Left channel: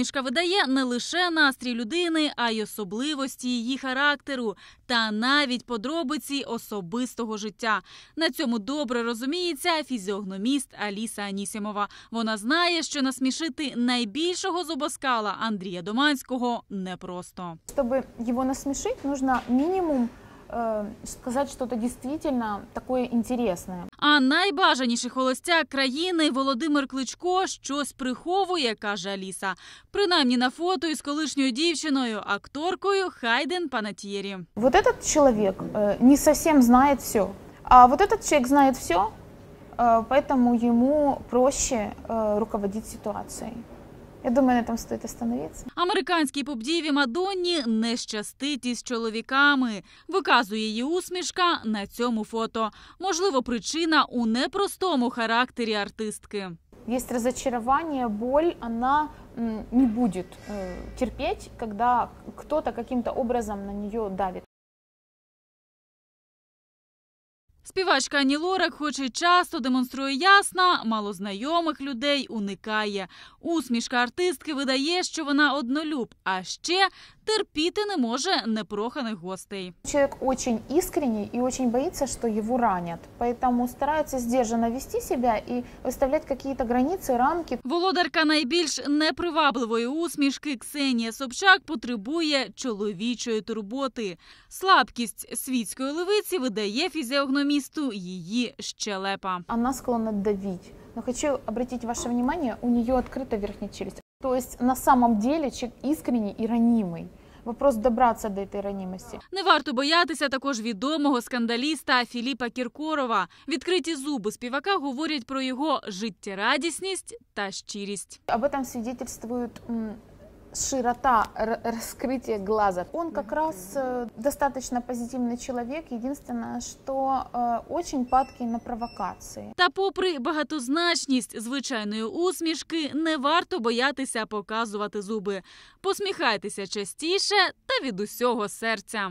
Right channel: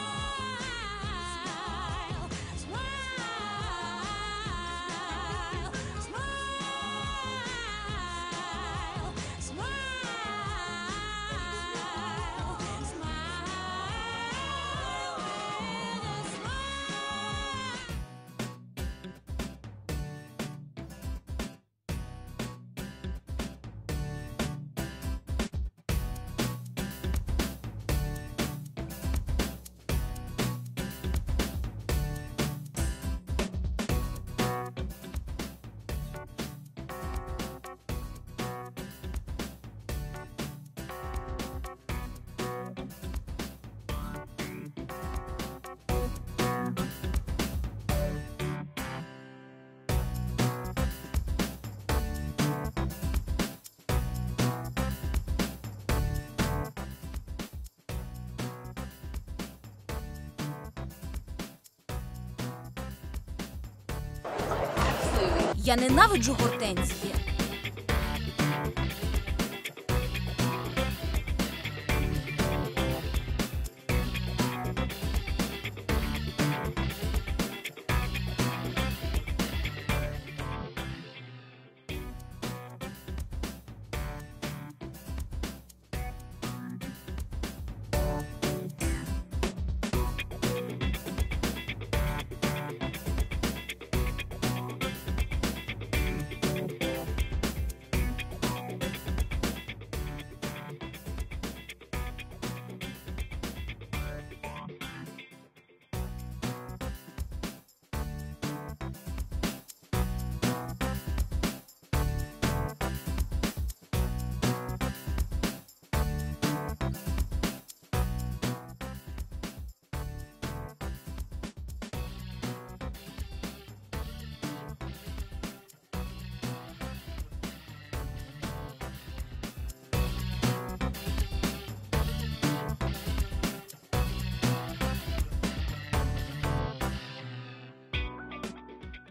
Усмішка видає не лише настрій людини, а й особливості її характеру та навіть подробиці особистого життя. На цьому добре розуміється фізіогноміст Аліса Анісімова. Вона знає, що насмішити найбільшого зубоскала Андрія Доманського непросто. Чтобы его насмешить, нужно минимум э, сказать что-то действительно такое интересное. А найбажаніший холостяк країни Володимир Кличко щось приховує, каже Аліса. Принаймні на фото із колишньою дівчиною, акторкою Хайден Панатьєрі. Вот этот человек э, не совсем знает все, а вот этот человек знает все, поэтому ему проще э, руководить ситуацией. Я думаю, на этом стоит остановиться. Американській поп-діві Мадонні не щастить із чоловіками. Виказує її усмішка на цьому фото. Можливо, причина у непростому характері артистки. Есть разочарование, боль, она м, не будет э, терпеть, когда кто-то образом на нее давит. Я ненавиджу гортензії. Співачка Ані Лорак, хоч і часто демонструє ясно, малознайомих людей уникає. Усмішка артистки видає, що вона однолюб, а ще терпіти не може непроханих гостей. Человек очень искренний и очень боится, что его ранят, поэтому старается сдержанно вести себя и выставлять какие-то границы, рамки. Володарка найбільш непривабливої усмішки Ксенія Собчак потребує чоловічої турботи. Слабкість світської левиці видає фізіогномісту її щелепа. Она склонна давить. Но хочу обратить ваше внимание, у нее открыта верхняя челюсть. То есть на самом деле человек искренний и ранимый. Вопрос добраться до этой ранимости. Не варто боятися також відомого скандаліста Філіпа Кіркорова. Відкриті зуби співака говорять про його життєрадісність та щирість. Об этом свидетельствует м, широта р- раскрытия глаза. Он как раз э, достаточно позитивный человек. Единственное, что э, очень падкий на провокации. Та, попри багатозначність звичайної усмішки, не варто боятися показувати зуби. Посміхайтеся частіше та від усього серця.